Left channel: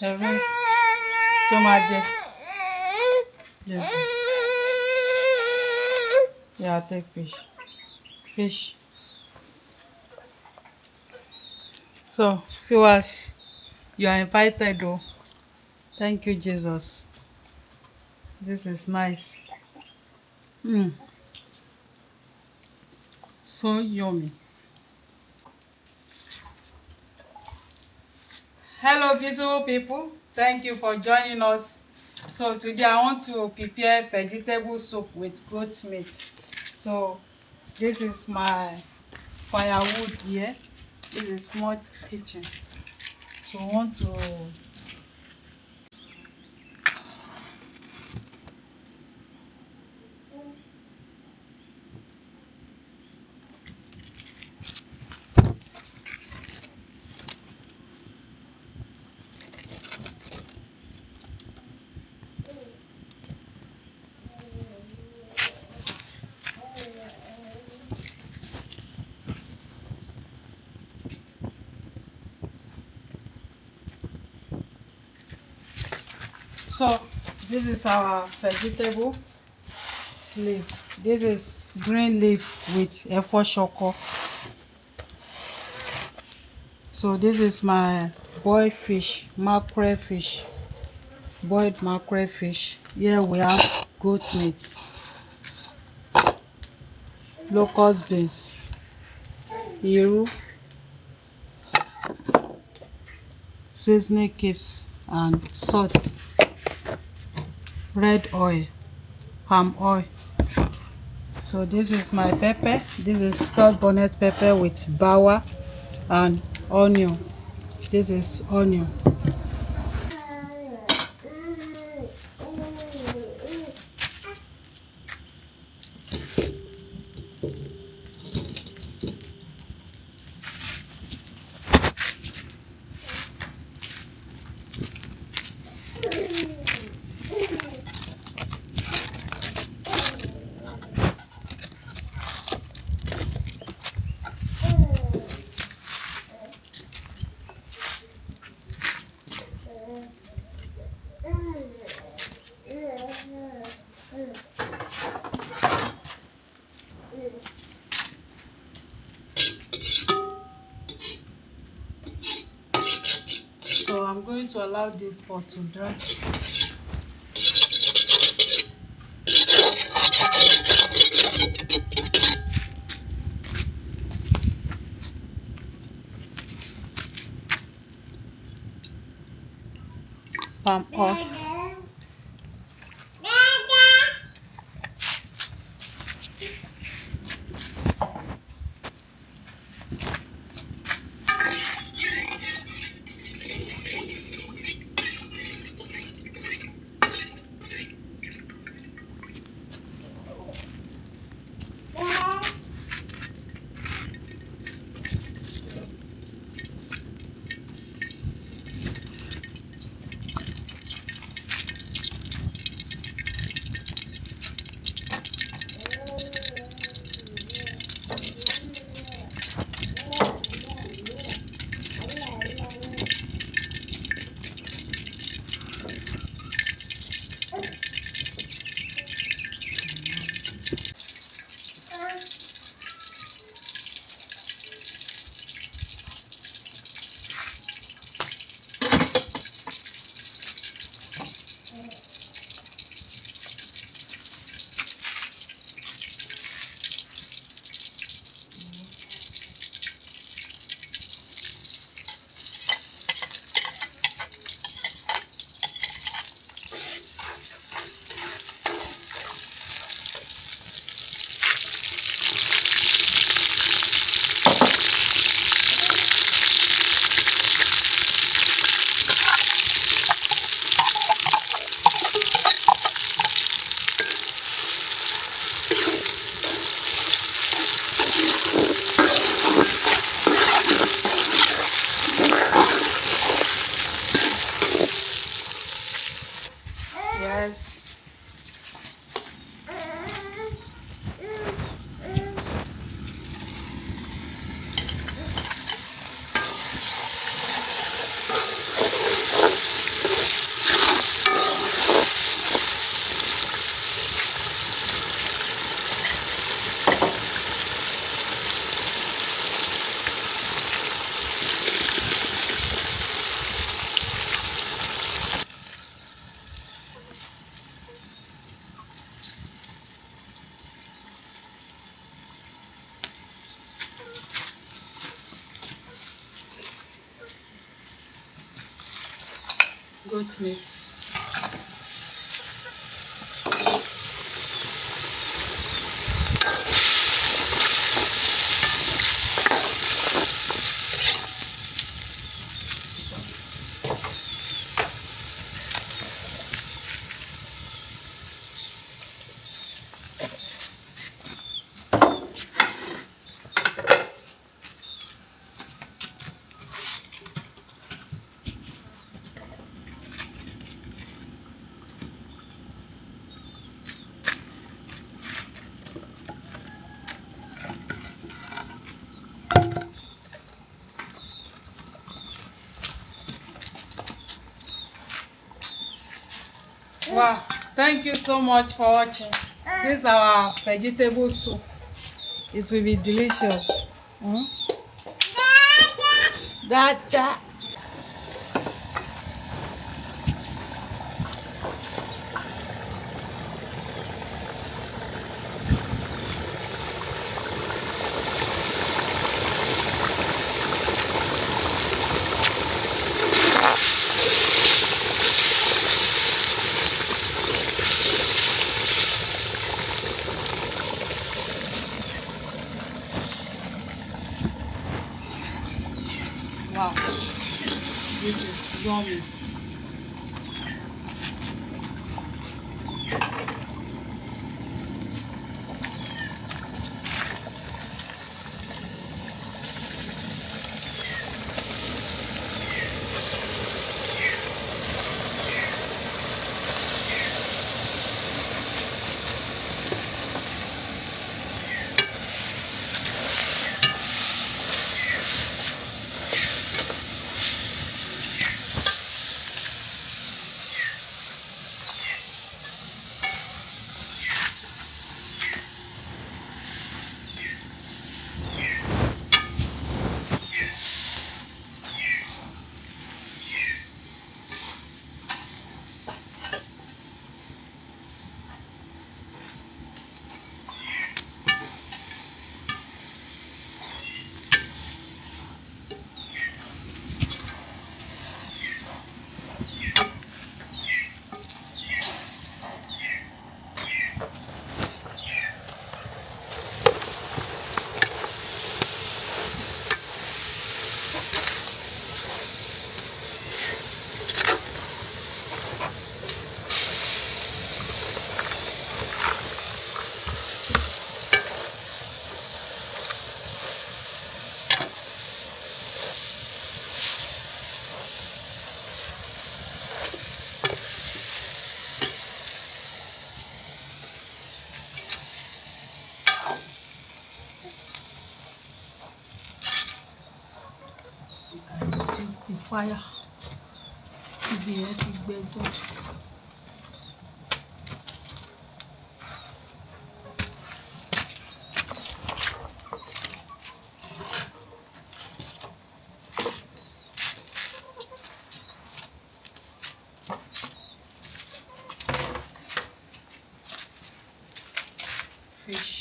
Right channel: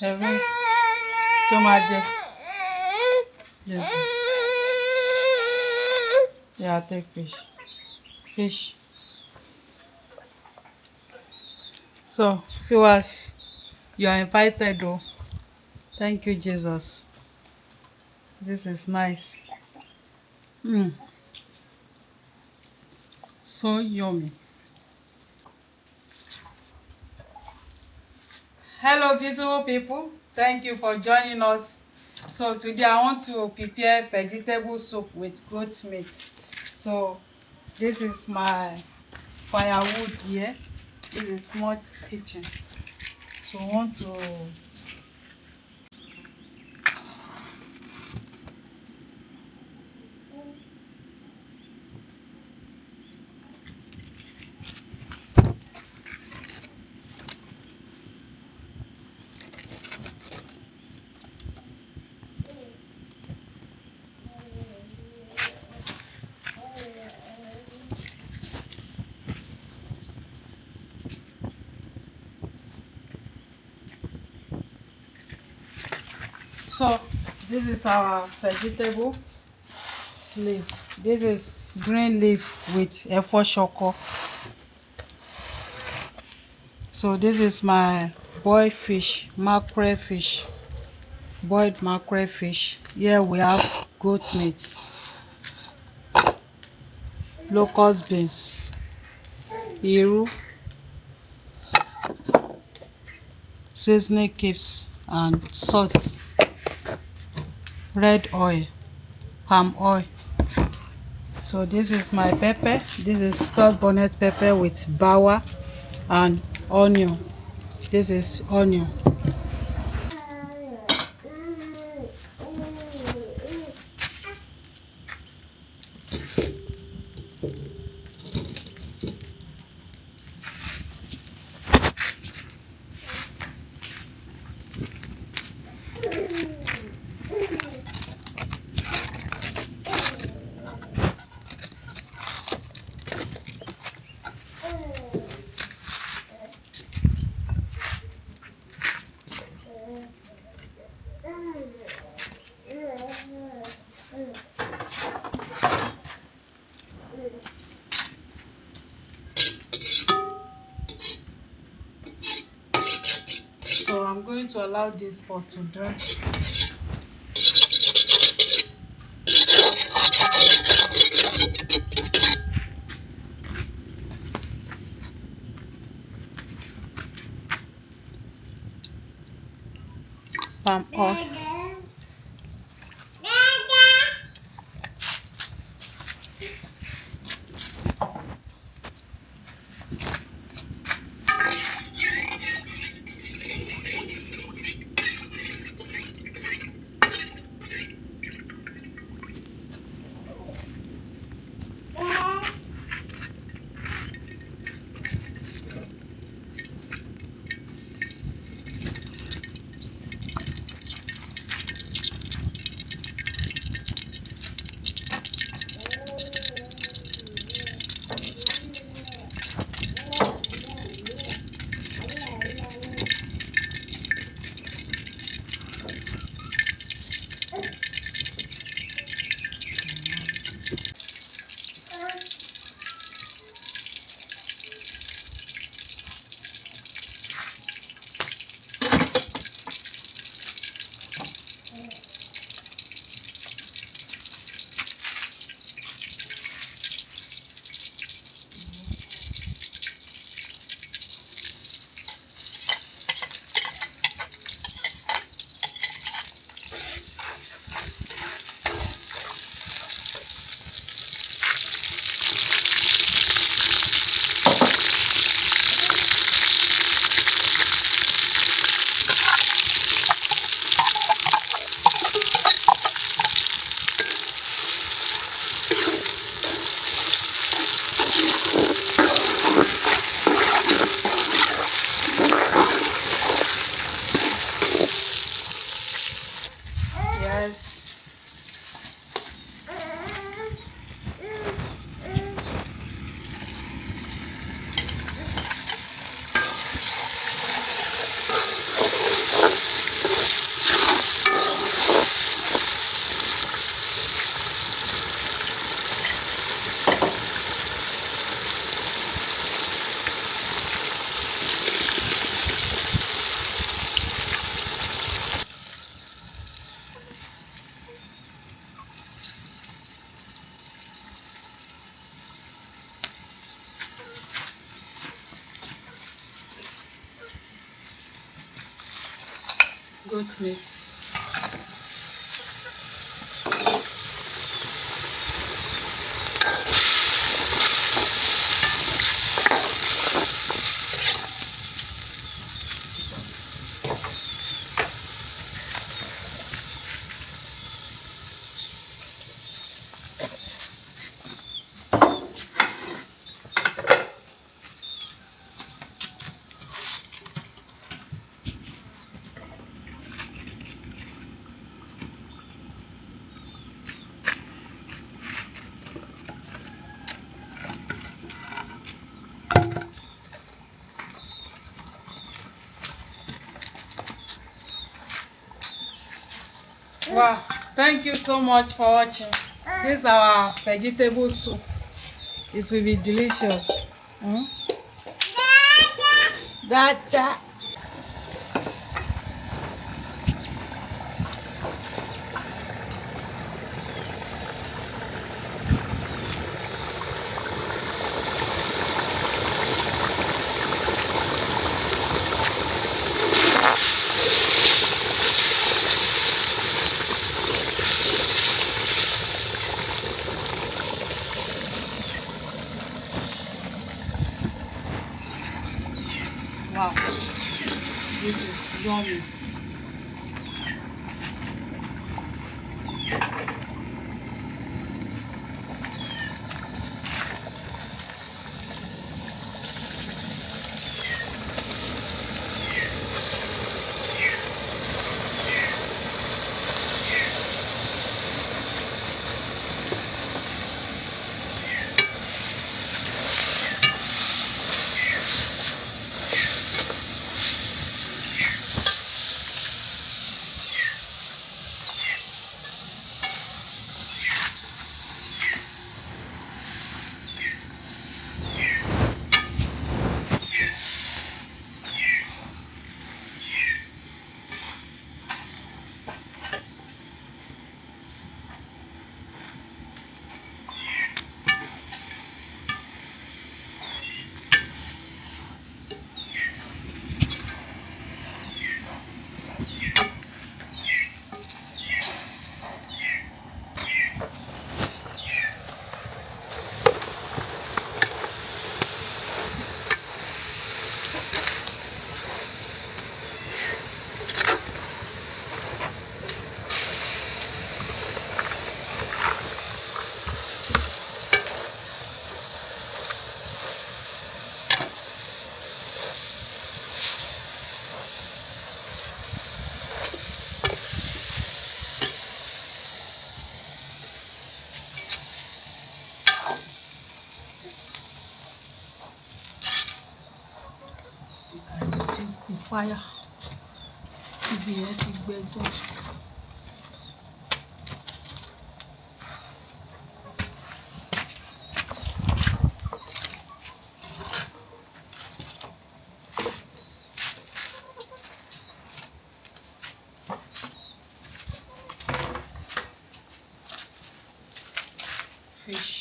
Heavy. Tomato. Yeah. Yeah, I'll take fish. Fish. So, viewers, you are invited though. Thank you, Jesus. This is nice. Mm, so yummy. Hello, beautiful people. Thank you for joining us. So today I want to prepare vegetable soup with goat meat. So this is my firewood here. This is small kitchen. So I want to so this is our vegetable leaf. This is green leaf with efo shoko. So this is my boiled fish, mackerel fish, boiled mackerel fish. Here we have goat meat, locust beans, iru, seasoning cubes and salt, red oil, palm oil. So this is my pepper. This is scotch bonnet pepper with bawa and onion. This is onion. So I'm going to allow this pot to dry. Palm oil. goat meat. Wow, thank you so much for watching. This is our vegetable soup. It will be delicious. Mm? Dada. Wow, this is yummy. Reduce the fire. Ibi yẹn ti gbẹ jù. Fish.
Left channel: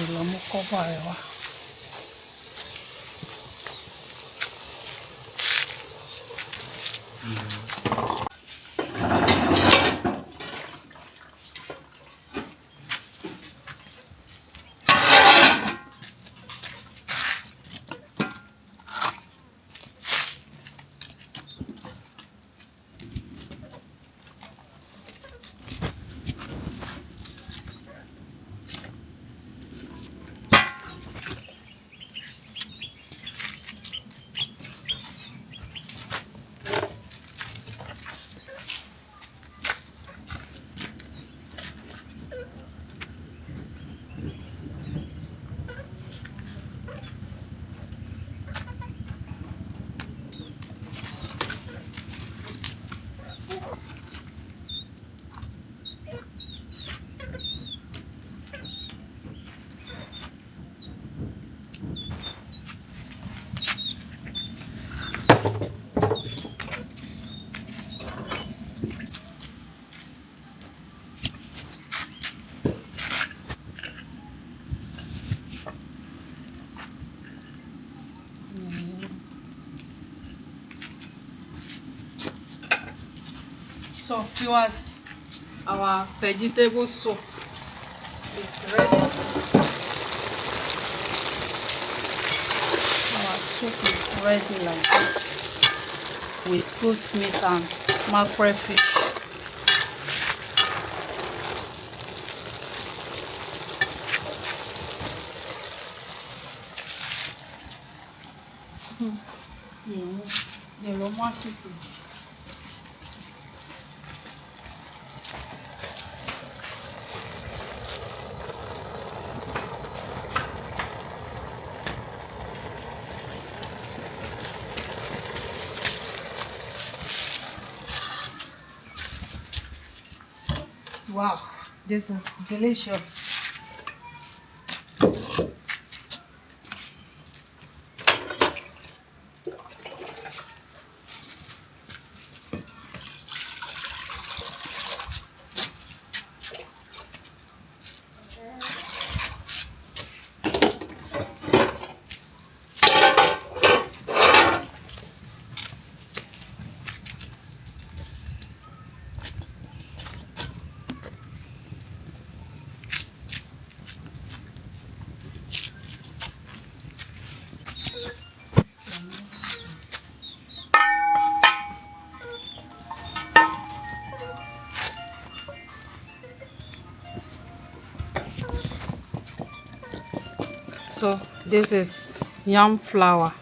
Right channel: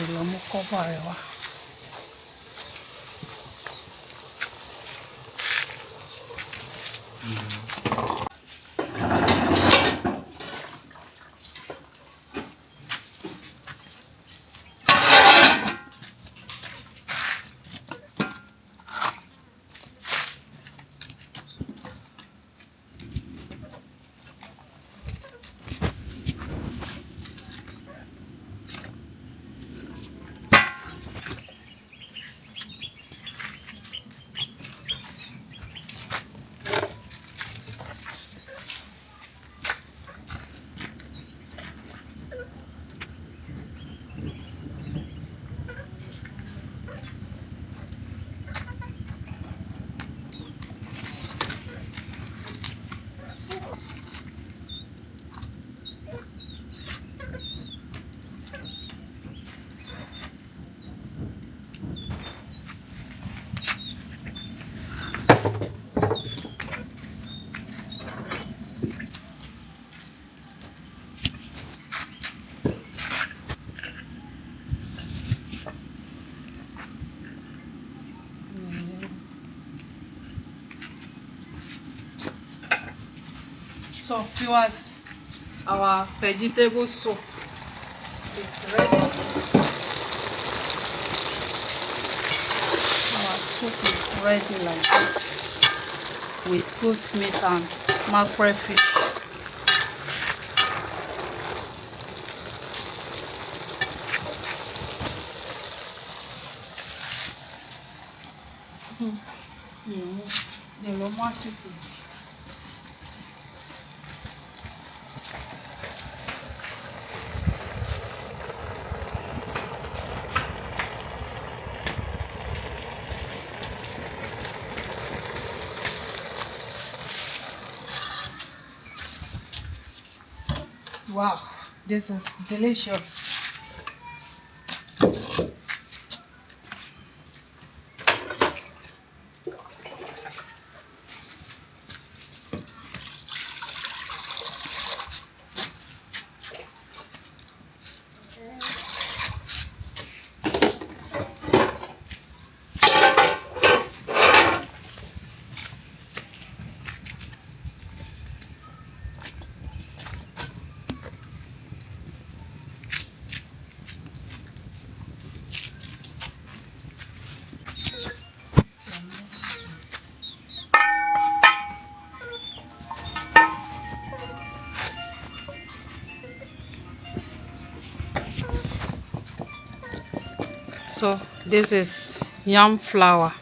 Ìlọ́mú kọ́fà rẹ̀ wá. So viewers, our vegetable soup is ready. Our soup is ready like this with goat meat and mackerel fish. Yellow market. Wow, this is delicious. So this is yam flour.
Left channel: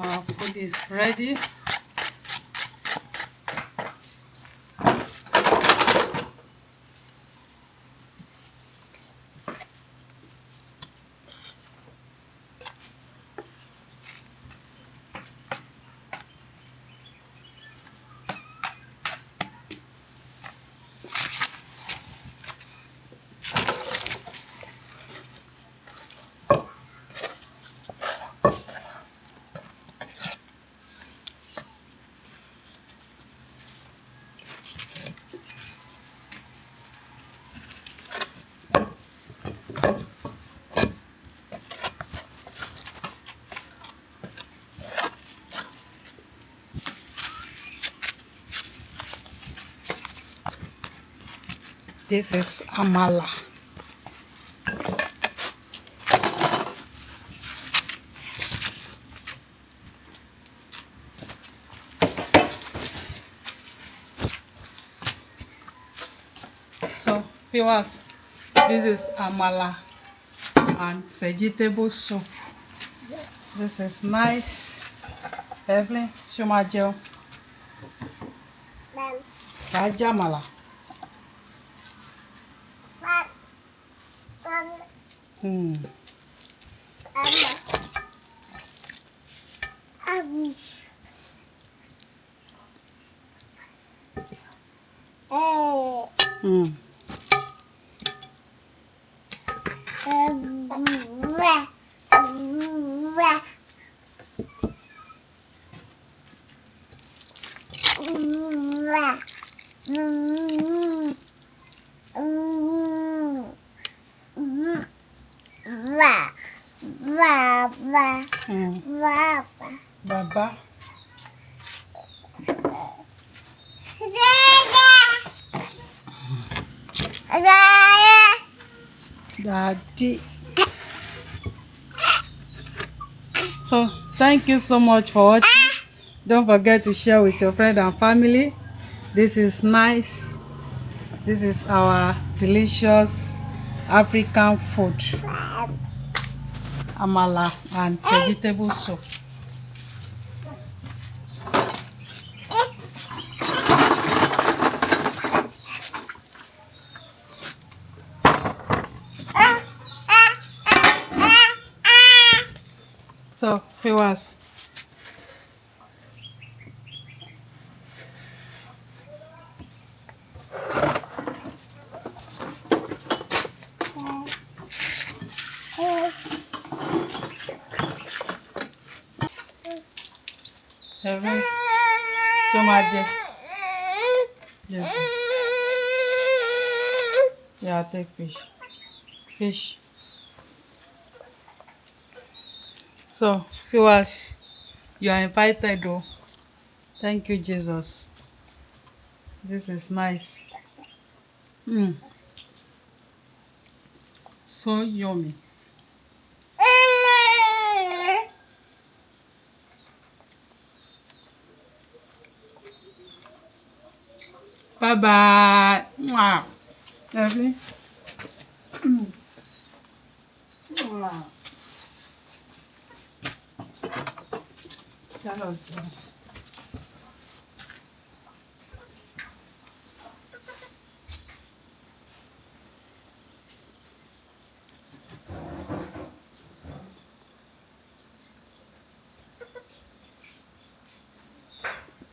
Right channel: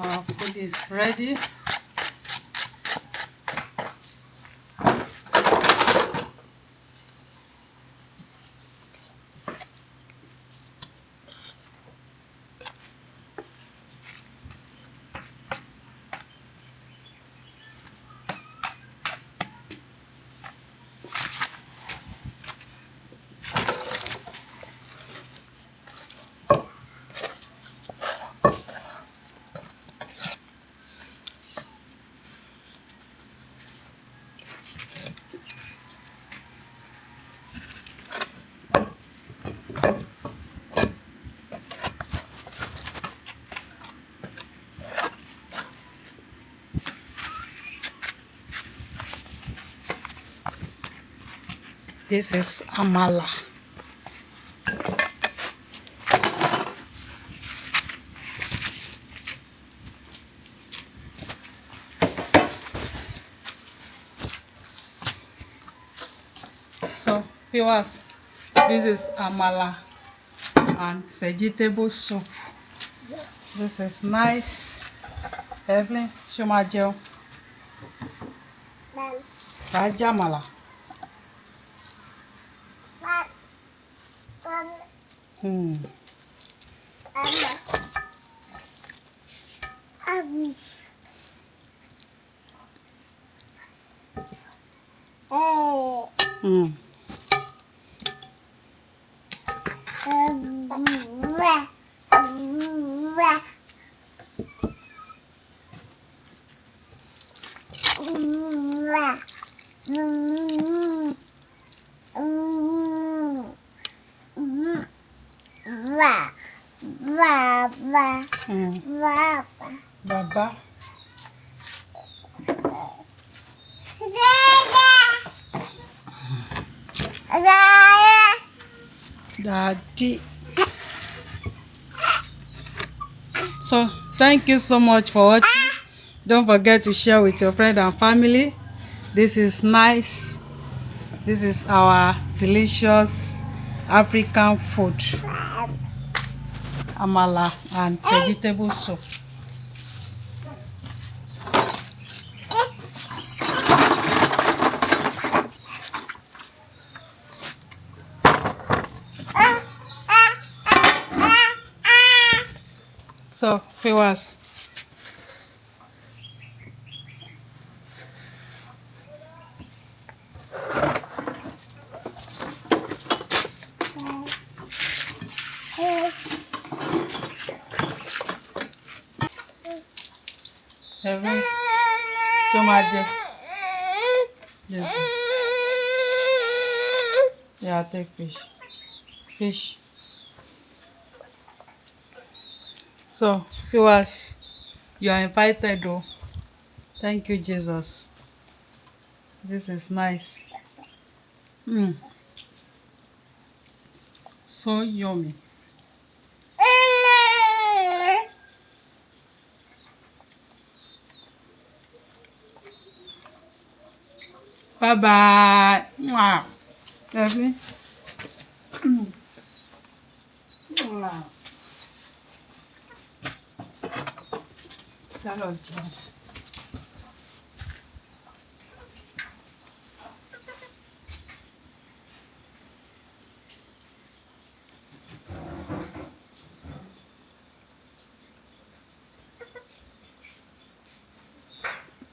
Our food is ready. This is Amala. So viewers, this is Amala and vegetable soup. This is nice. Evelyn, show my gel. Amala. Baba. Daddy. So thank you so much for watching. Don't forget to share with your friends and family. This is nice. This is our delicious African food, Amala and vegetable soup. So viewers, Evelyn, tomato. Yeah, take fish. Fish. So viewers, you are invited though. Thank you, Jesus. This is nice. So yummy. Bye bye. Mwah. Evelyn. Mwah. Hello.